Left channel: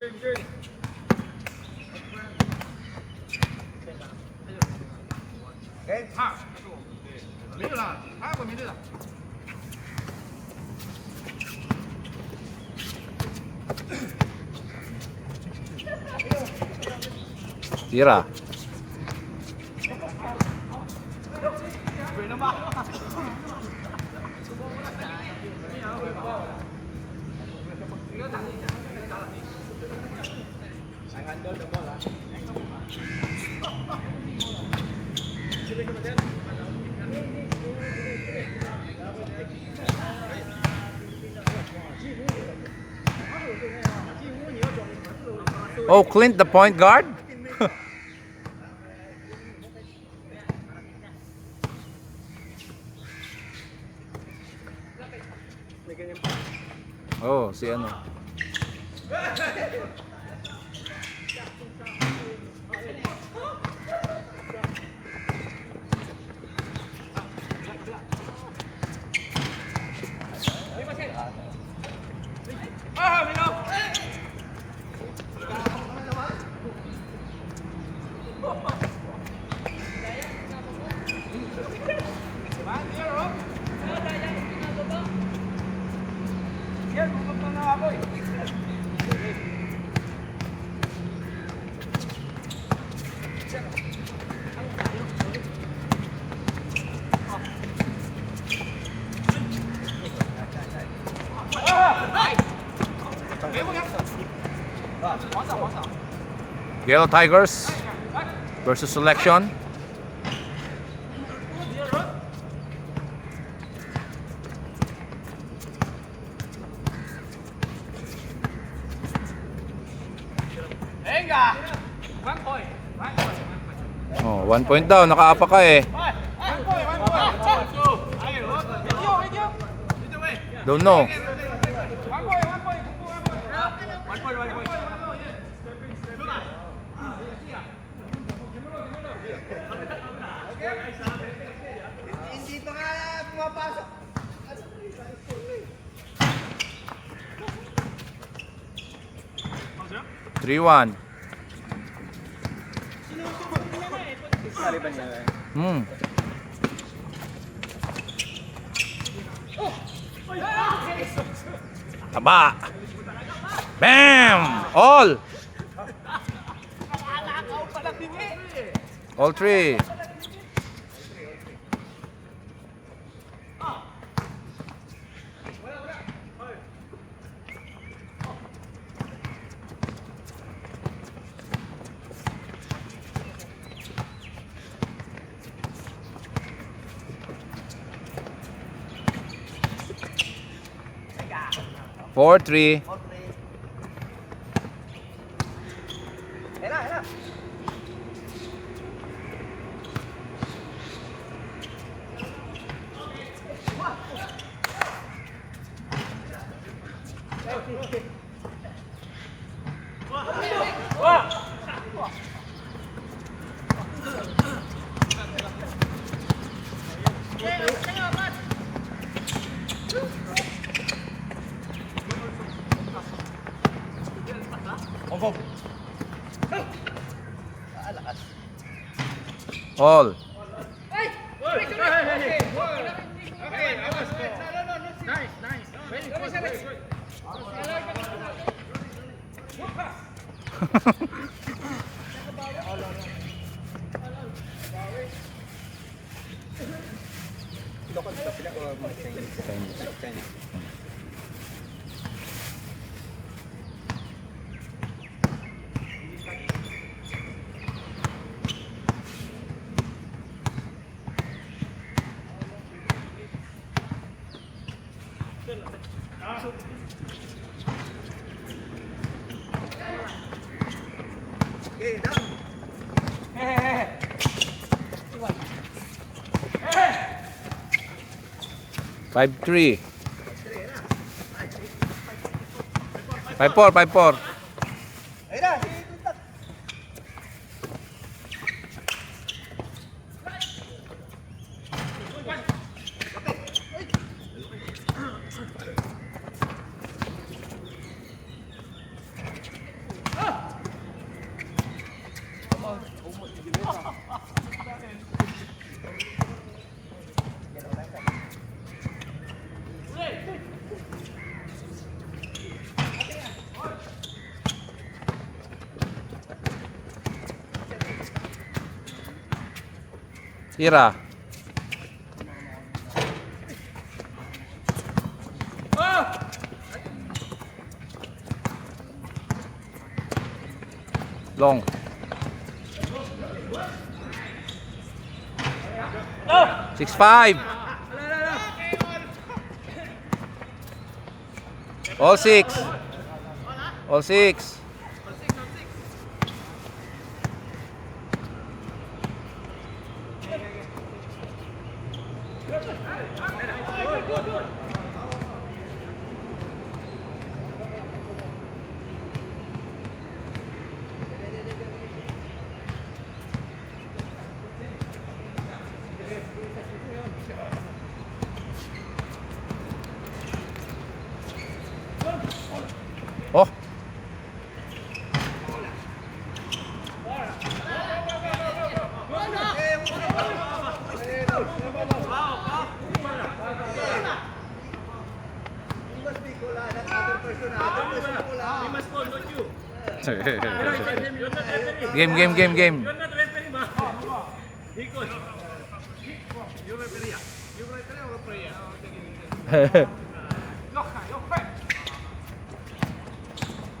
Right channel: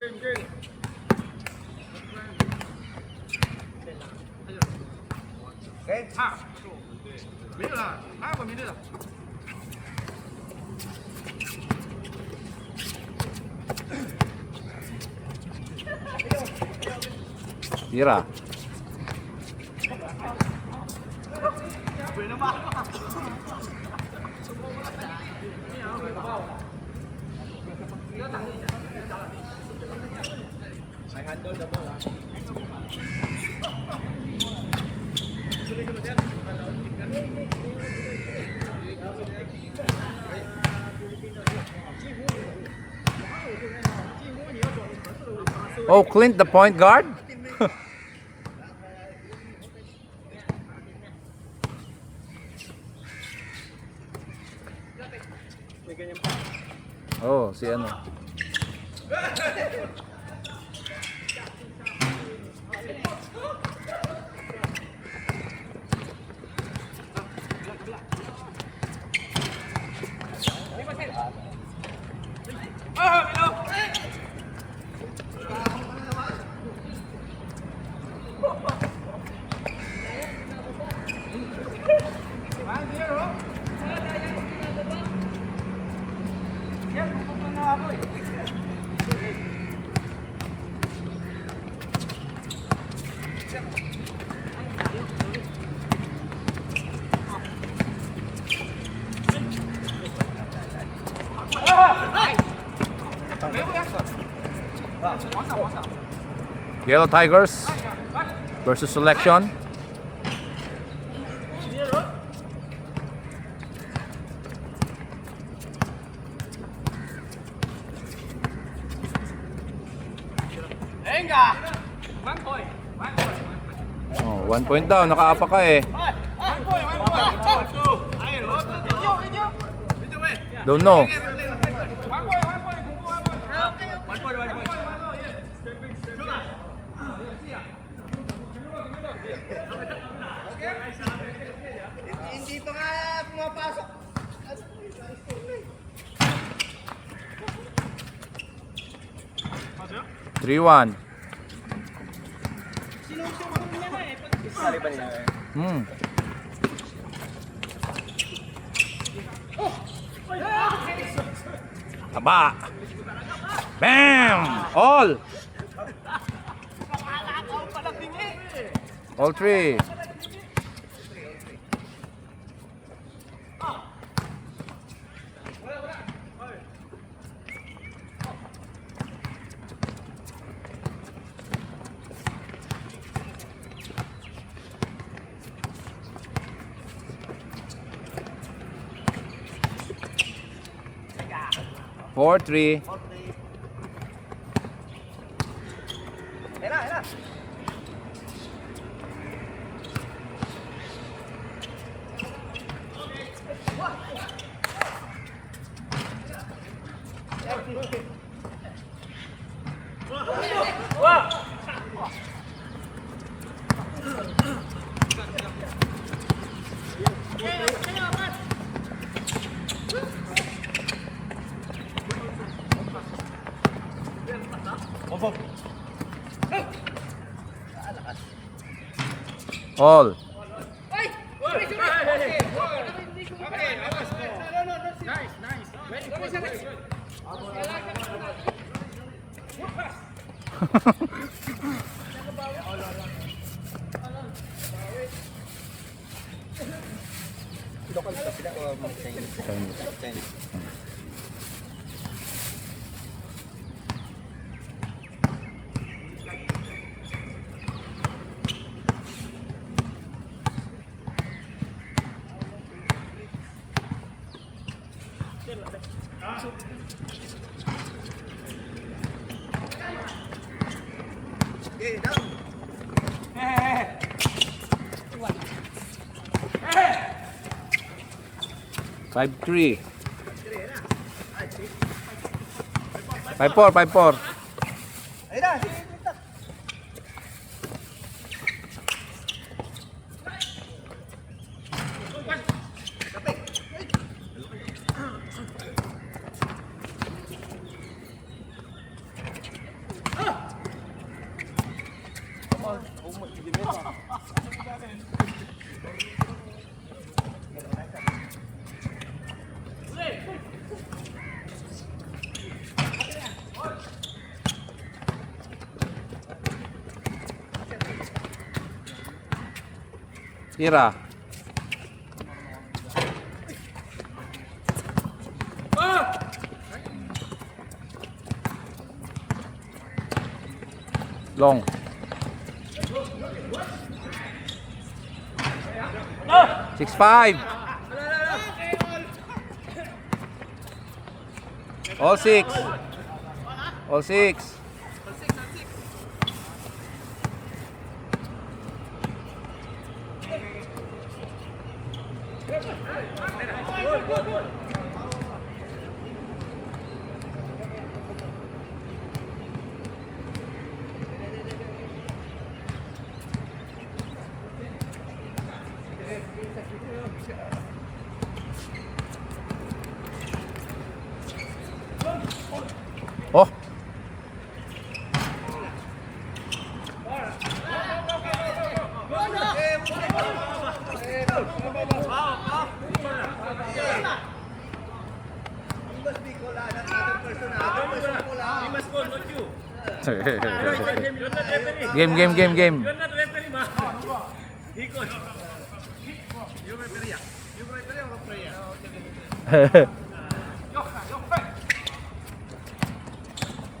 没有了，还有没对的。Tira. Oh, Clint, the point guard? Oh, si ano. Yellow Tigers versus Selection. Oh, 1 point daw, nakaapa ka eh. Don't know. Hindi pa nga pumapasok. 3-1. Hmm. Taba. Bam! All. All three. Four, three. All. Five, three. 5-4, 5-4. Tira. Long. 6-5. All 6. All 6. Oh. Game.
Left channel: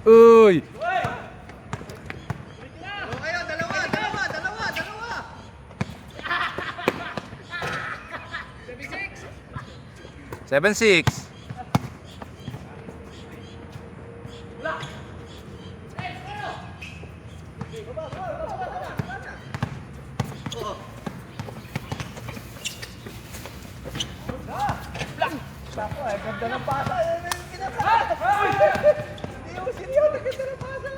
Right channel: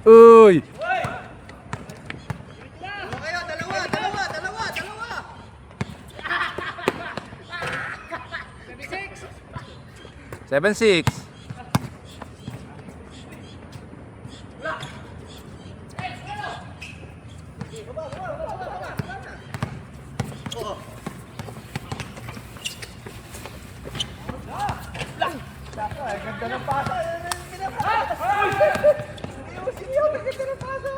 Uy. Okay na, dalawa. 7-6. Sako, ganda ng pasa. Hindi mo siniyaw, ganda ng pasa.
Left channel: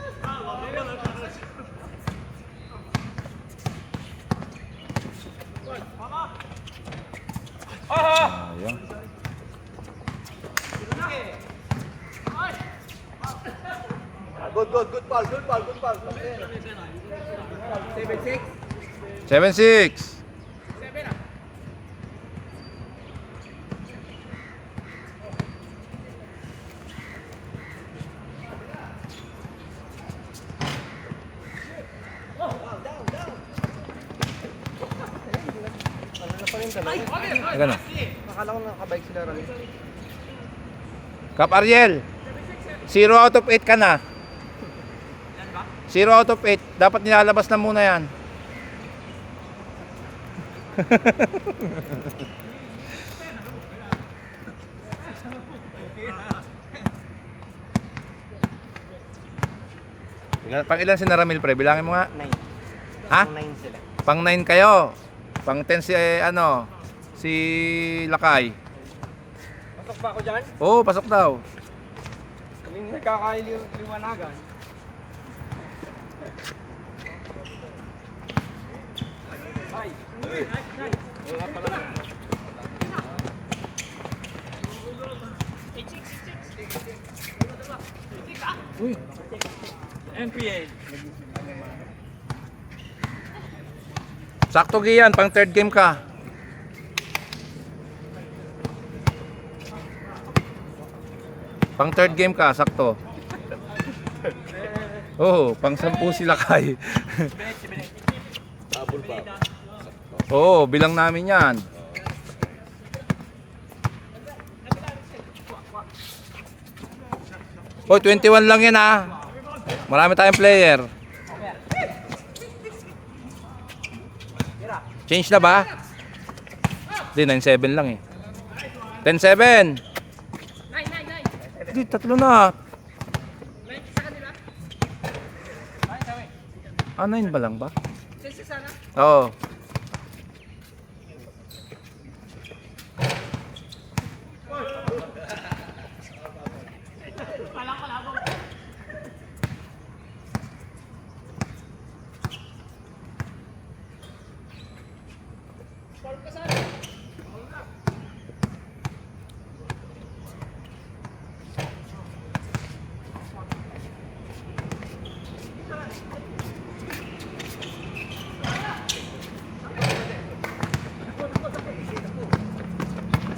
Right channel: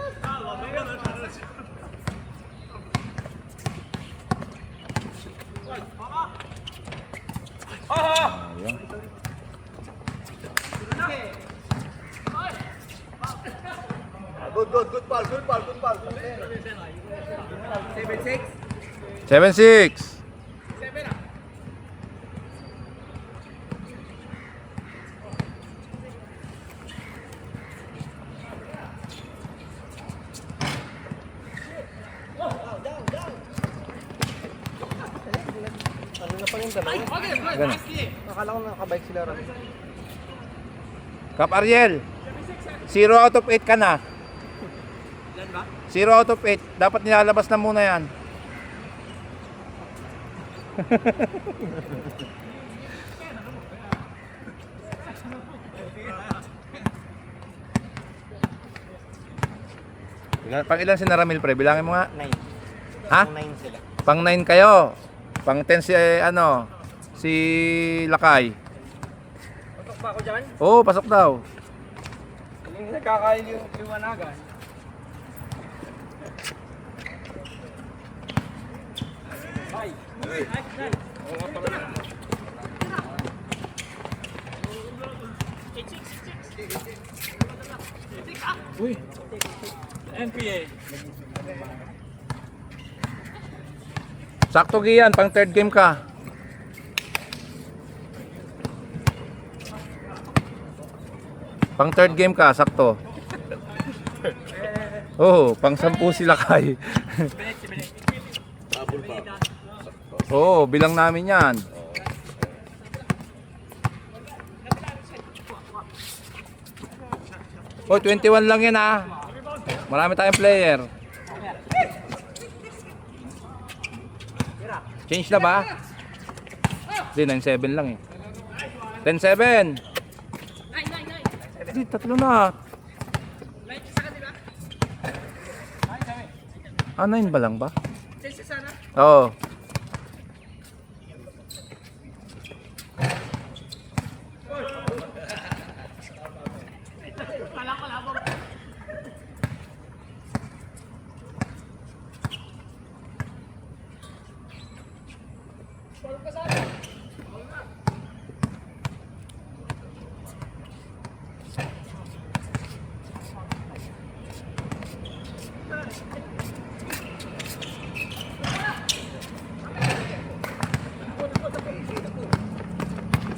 Ayun. Good ball. 7-6. 7-6. Gano'n? Akala ko nakabike sila ron. Kap Ariel. 0 out of 8 ka na. 0 out of 8. Dapat nilalabas na muna yan. Pang ilan si Naramil, pre? Bilangin mo nga. 9. Ha? 9 sila. Pang 9 kayo. Pang 10 si si Lakay. Pasok ba ako dyan? Oo, pasok daw. Yung nagkakaliwanagan. Uy. MPA. Sakto giyan, pang third game ka. Pang third game ka, sakto. Oo, pang 10 sila kay. Oo, bilang namin yan. Oh, 21 lang yan ha. Marami tayong player. Change na ba? Hindi, 9-7 lang eh. 10-7. Hindi, tatlo na. Ah, 9 ba lang ba? Oo.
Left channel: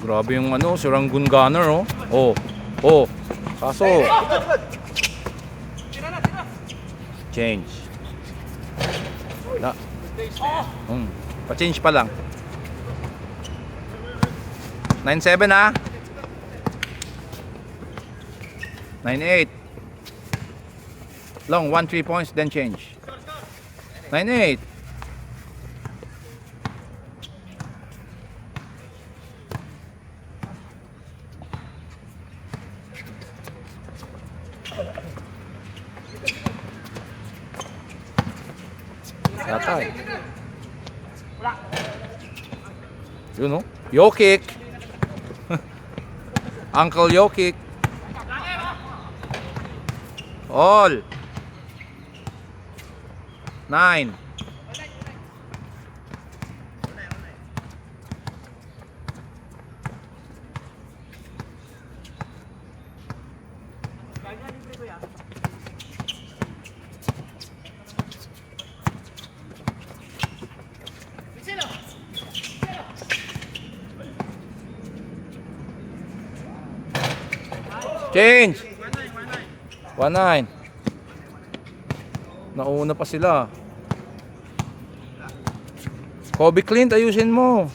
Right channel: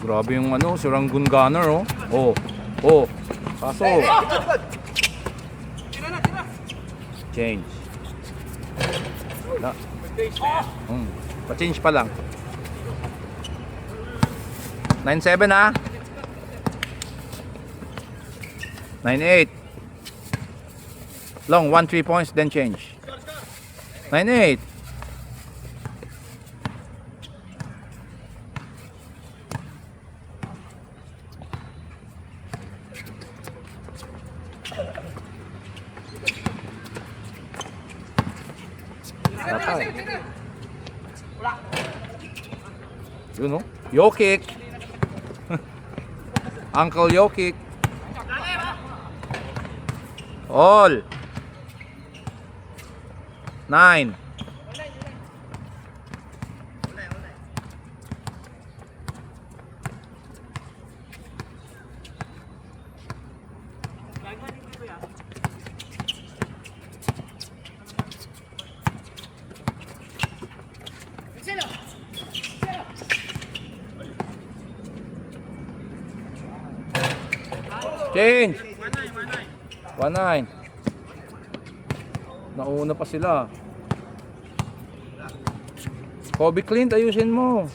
Grabe yung ano, si Rangoon Gunner, oh. Oh. Oh. Kaso. Change. Na. Pa-change pa lang. 9-7 ha. 9-8. Long 1-3 points then change. 9-8. Yatay. Yun, oh. Yo kick. Uncle yo kick. All. 9. Change. 1-9. Nauna pa sila. Kobe Clint, ayusin mo.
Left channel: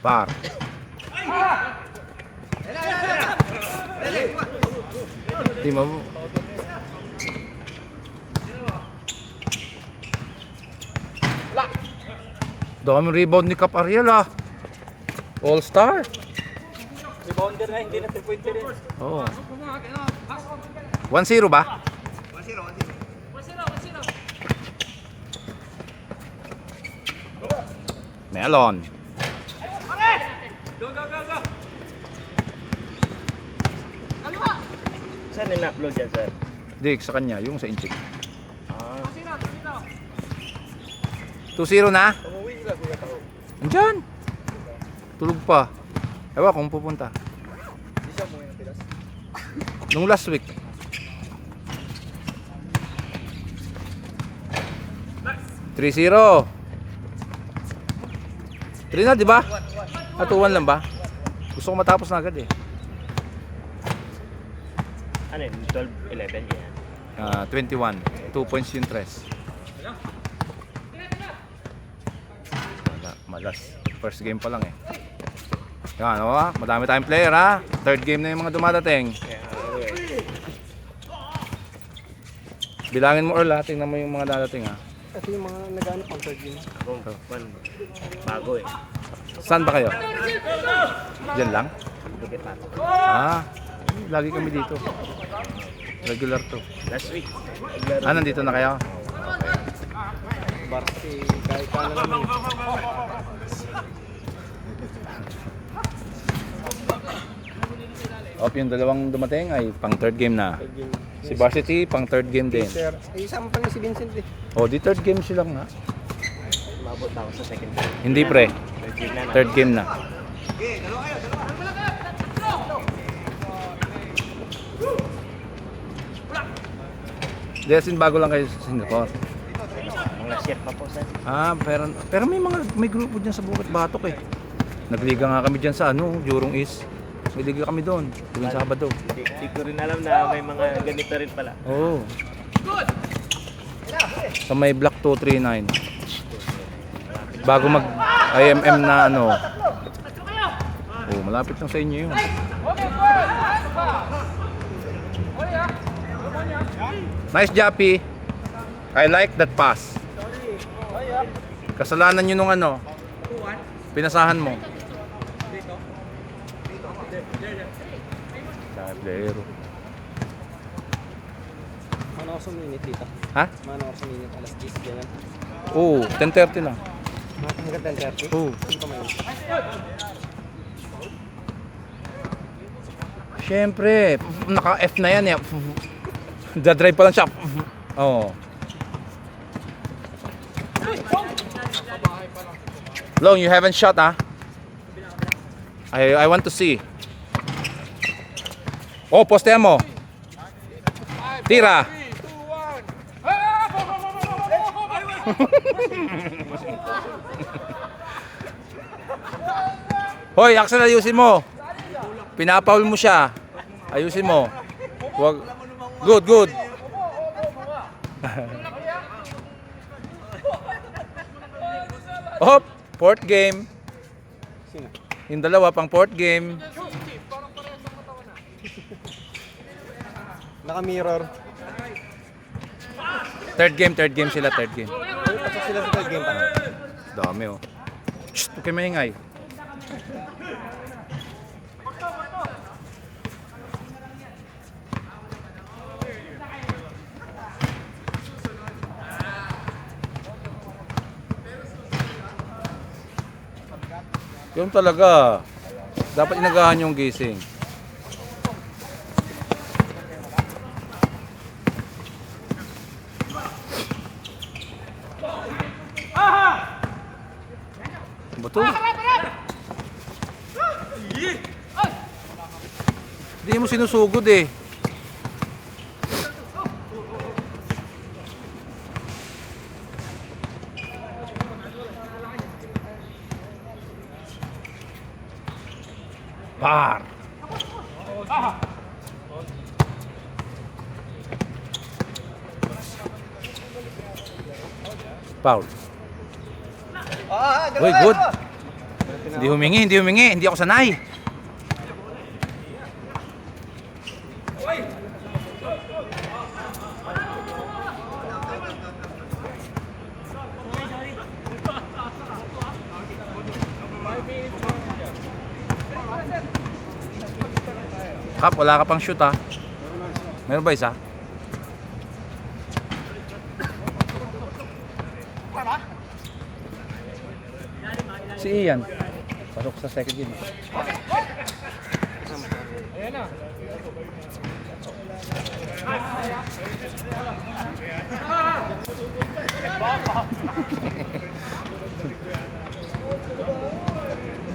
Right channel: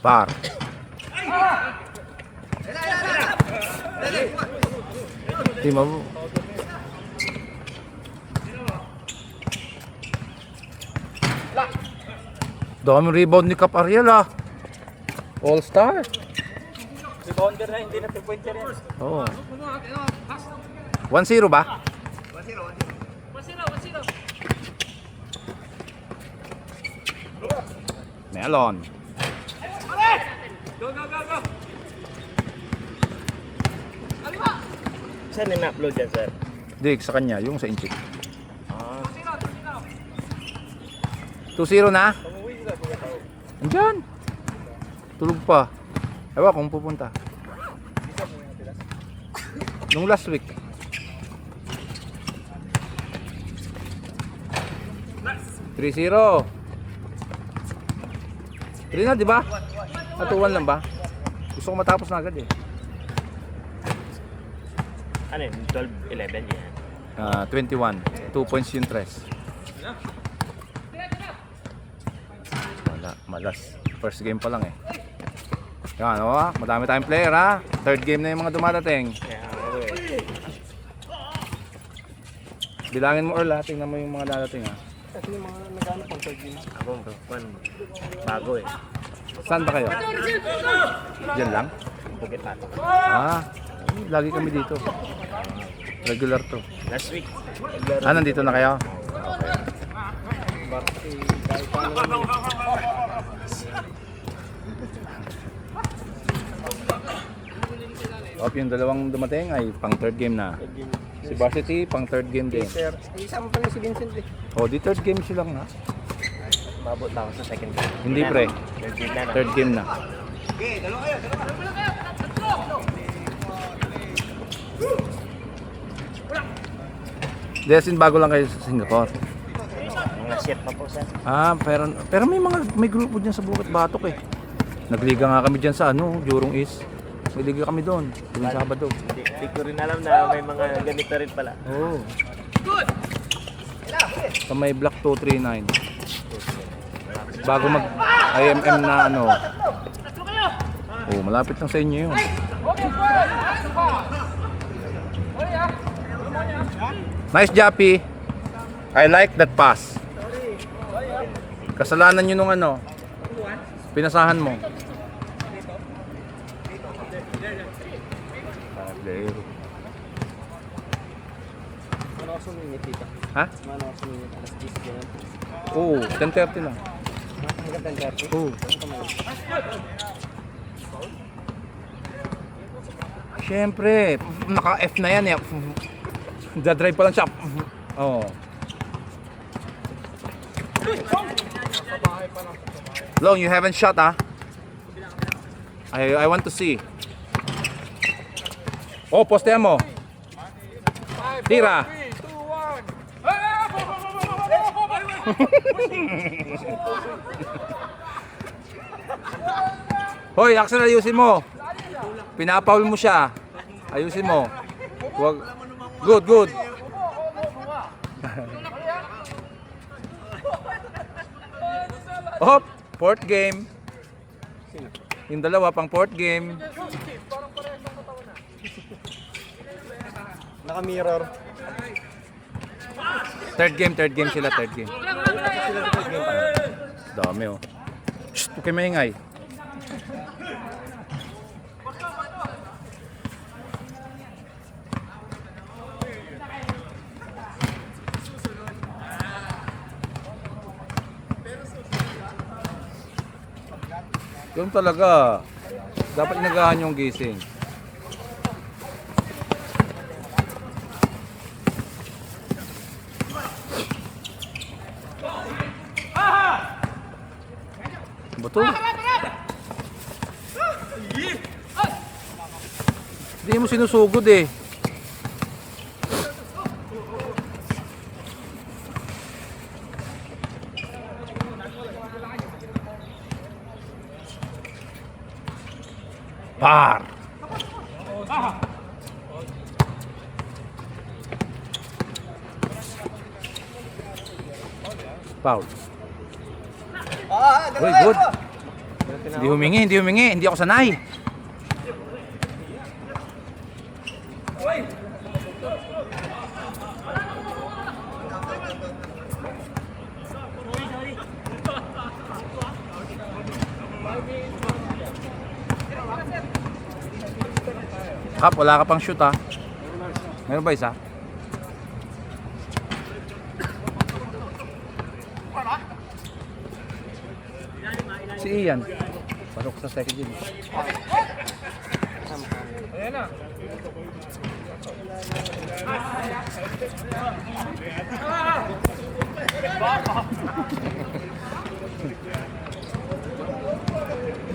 Par. Di mo. Daming rebound ni Cap Ariel ah. All star. Rebounder na, hindi na 2-point ka rin. Oo. 1-0 ba? 1-0. Melon. Go, go, go, go! Saan na-upload yan, sir? Di, sa kanya, yung sa inchik. 2-0 na? Andyan. Tulog pa. Ewan kung pupunta. Nung last week. $3-0. 3 na, di ba? 2-1 lang ba? Gusto ko matapos na agad eh. Ano yun? 12-11 yan? 21. 2 points yung tres. Wala, malas. First game pa lang eh. Yan, o ha? Madami tayong player ha? Third game na yung mga dumadating. Bilangin mo Earl ha? Tingnan mo yung mga dadating ha? Ito yung mga nag-ano pang third game. Ako, bago eh. Saan ba kayo? Diyan lang? Bukit ako. Lagi kami dito. Regular to. Last week. Nandito na kayo? Yung dalawang dumating ay pang third game na. Si Varsity pang third game din. Sir, isama pa rin si Vincent eh. Di third game silang na. Mabot na ako sa second game. Hindi pre, Third game na. third game na. Desin bago lang kayo sa Singapore. Mga shit pa po, sir. Pero may grupo diyan sa Bukat Batok eh. Nagliga nga kami diyan sa Jurong East. May liga kami doon, tuwing Sabado. Hindi ko rin alam na may mga ganito rin pala. Oo. So may block 239. Bago mag IMM na malapit lang sa inyo yun. Nice Jappy. I like that pass. Kasalanan nyo nung pinasahan mo. Player. Ano ako sumingit dito? Ha? Ano ako sumingit? Alas 10 dyan. Oo, 10:30 na. Magandang 30. Oh. Siyempre, naka-F na yan eh. Dadrive pa lang siya. Oh. Long, you haven't shot ah. I want to see. Oh, postehan mo. Tira. Hoy, Axel, ayusin mo. Pinapaul mo siya. Ayusin mo. Wag. Good, good. Hop, fourth game. Yung dalawa pang fourth game. Naka-mirror. Third game sila, third game. Sila sa third game. Dami oh. Shh, huwag kayo maingay. Yun talaga. Dapat inagahan yung gising. Bato. Hindi mo sinusugod eh. Par. Foul. Uy, good. Hindi humingi. Hindi ako sanay. Kap, wala ka pang shoot ha. Meron ba isa? Si Ian. Pasok sa second game.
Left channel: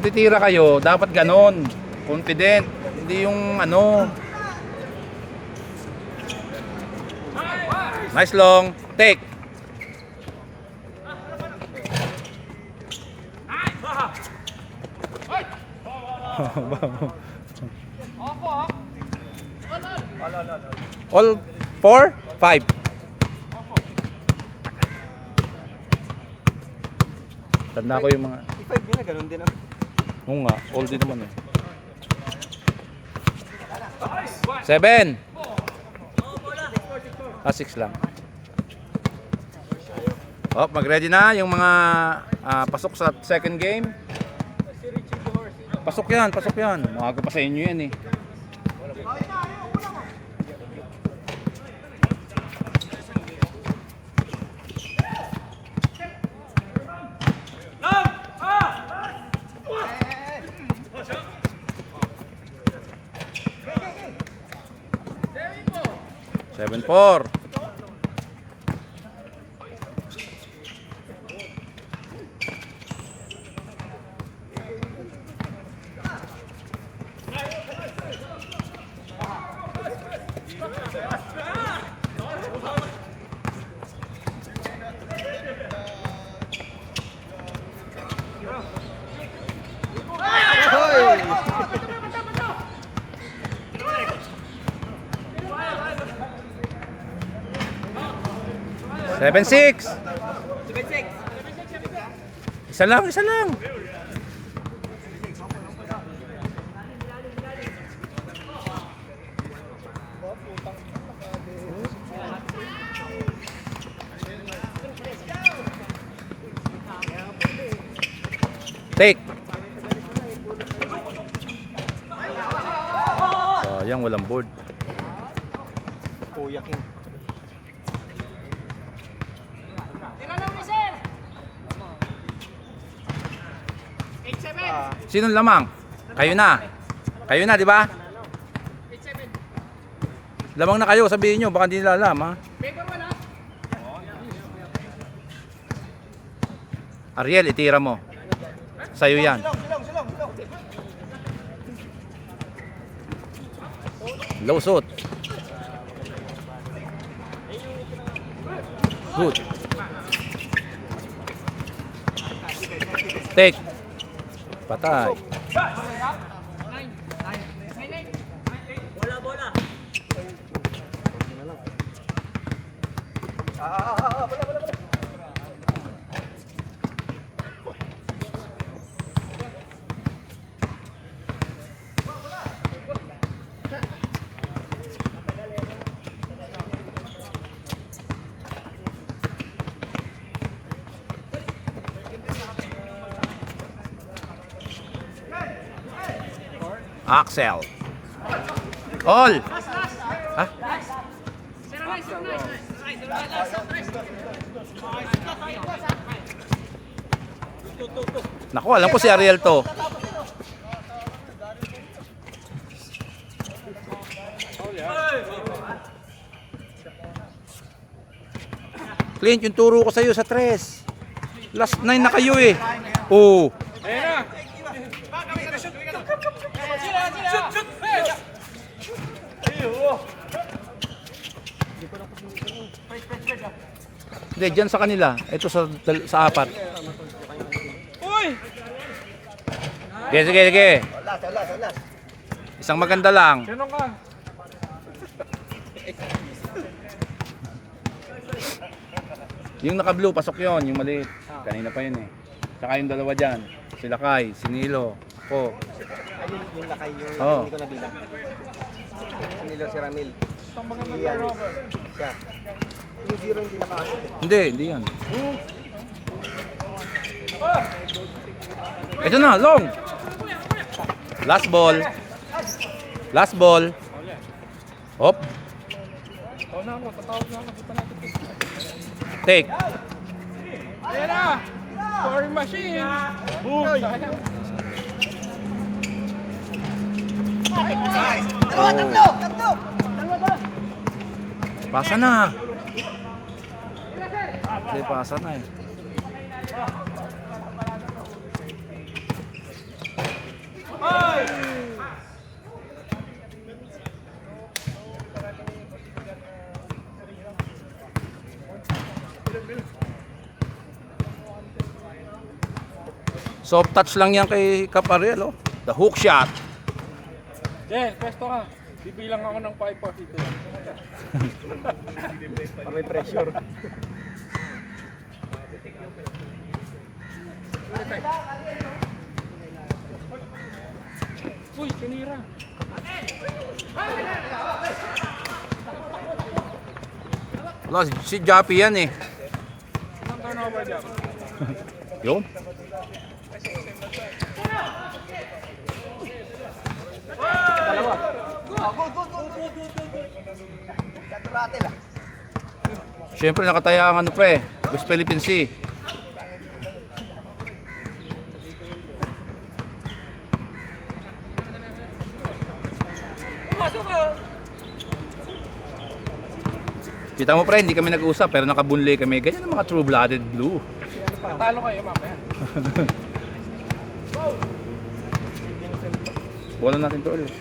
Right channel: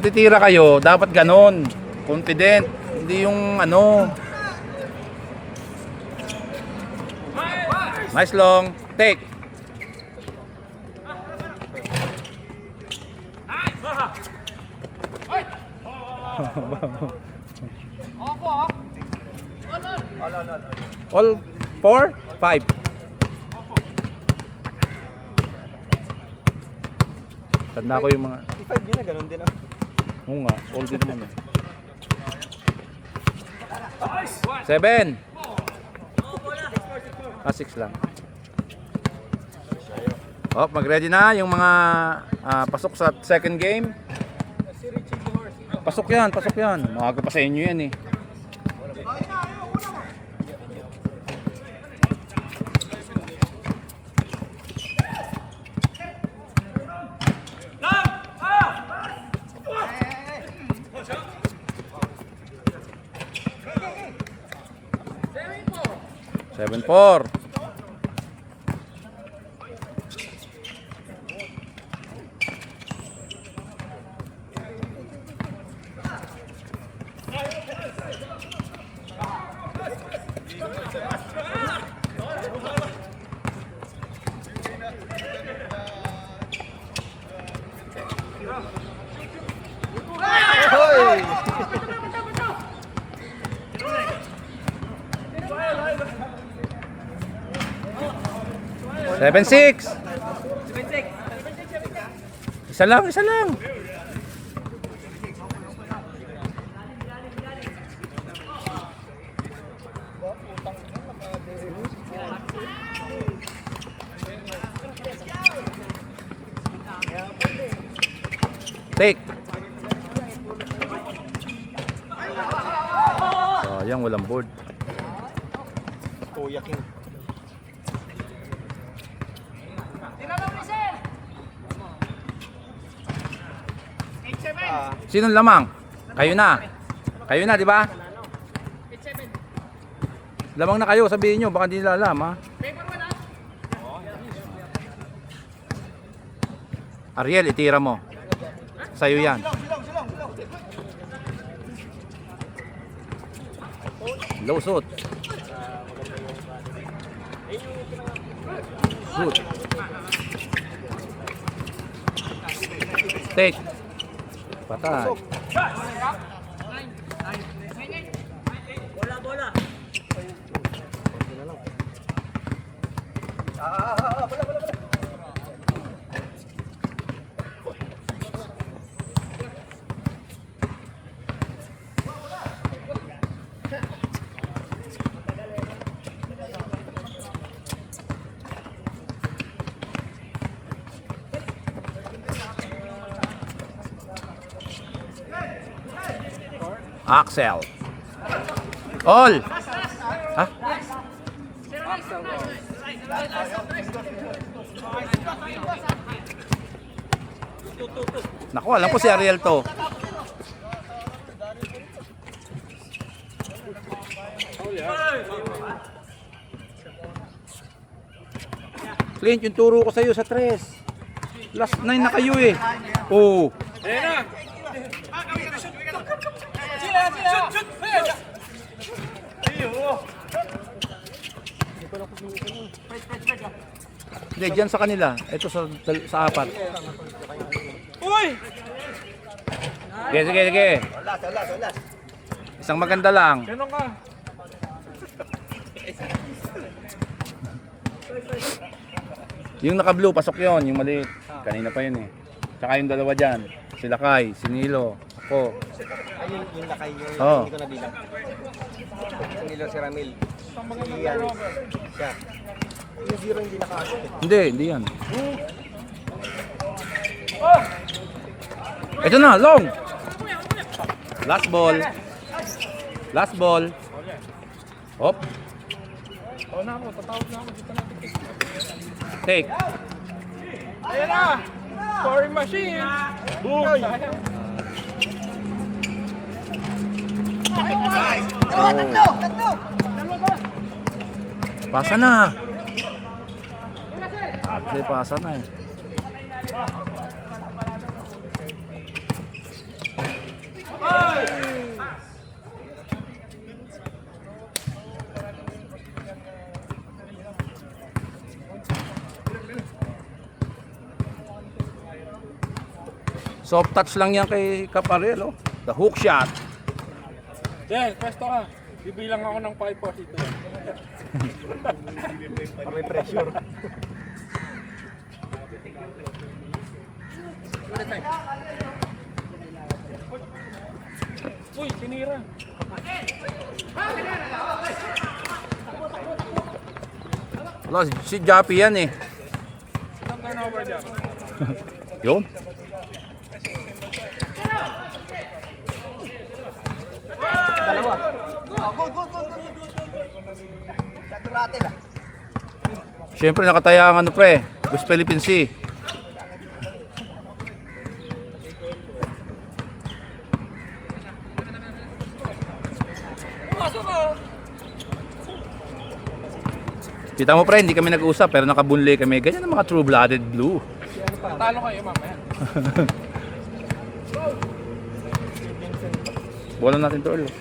Titira kayo, dapat ganon. Confident. Hindi yung ano. Nice long. Take. All 4, 5. Tanda ko yung mga 5 din na, ganun din ah. oo nga, all din naman eh. 7. 6 lang. Oh, mag-ready na yung mga pasok sa second game. Pasok yan. Maaga pa sa inyo yan eh. Seven, 4. Seven, 6. Isa lang. Take. Sayang, walang board. Kuya King. Sinong lamang? Kayo na. Kayo na, di ba? Lamang na kayo, sabihin nyo. Baka hindi nila alam, ha? Ariel, itira mo. Sa'yo yan. Low shot. Good. Take. Patay. Axel. All. Ha? Naku, alam ko si Ariel to. Clint, yung turo ko sa'yo sa 3. Last 9 na kayo eh. Oh. Hindi, dyan sa kanila. Ito sa apat. Sige, sige, sige. Wala. Isang maganda lang. Yung naka-blue, pasok yon, yung maliit. Kanina pa yun eh. Tsaka yung dalawa dyan. Sila Kai, si Nilo, ako. Yung lakay nyo, Oo. hindi ko nabilang. Nilo si Ramil. Siya. Yung zero hindi nakasok. Hindi yan. Ito na, long. Last ball. Last ball. Hop. Take. Scoring machine. Boom. Pasa na. Okay, pasa na eh. Soft touch lang yan kay Caparel, oh. The hook shot. Pwesto ka. Bibilang ako ng 542. May pressure. Uy, pinira. Wala, si Jappy yan eh. Isang turnover dyan. Yun. Siyempre nakataya ang ano pre, West Philippine Sea. Kita mo pre, hindi kami nag-usap pero nakabunli kami. Ganyan ang mga true-blooded blue. Talo kayo, mama. Bola natin to ulit.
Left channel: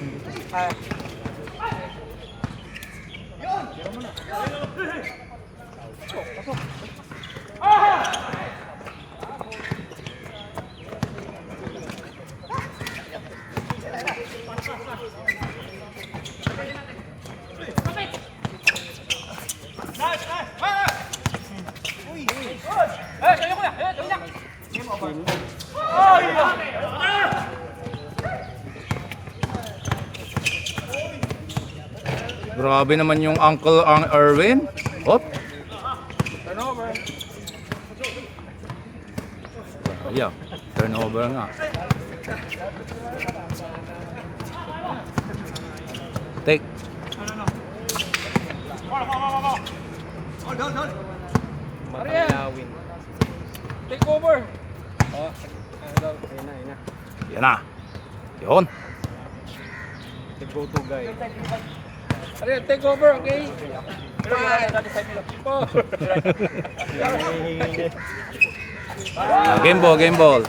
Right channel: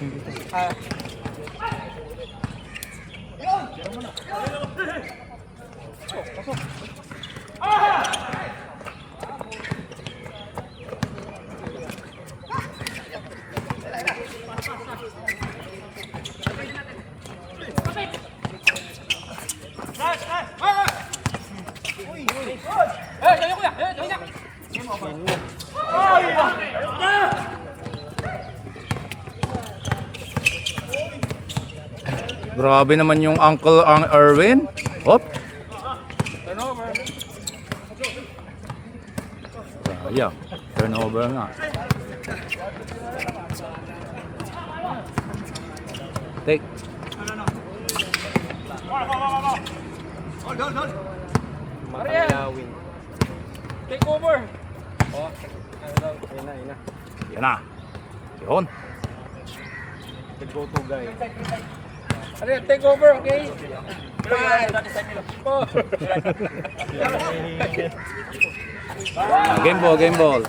Grabe naman yung Uncle ang Erwin. Hop. Yeah, turnover nga. Take. Makalawin. Take over. Ayun na. Yan na. Yun. The go-to guy. Ano yan, take over, okay? Game ball, game ball.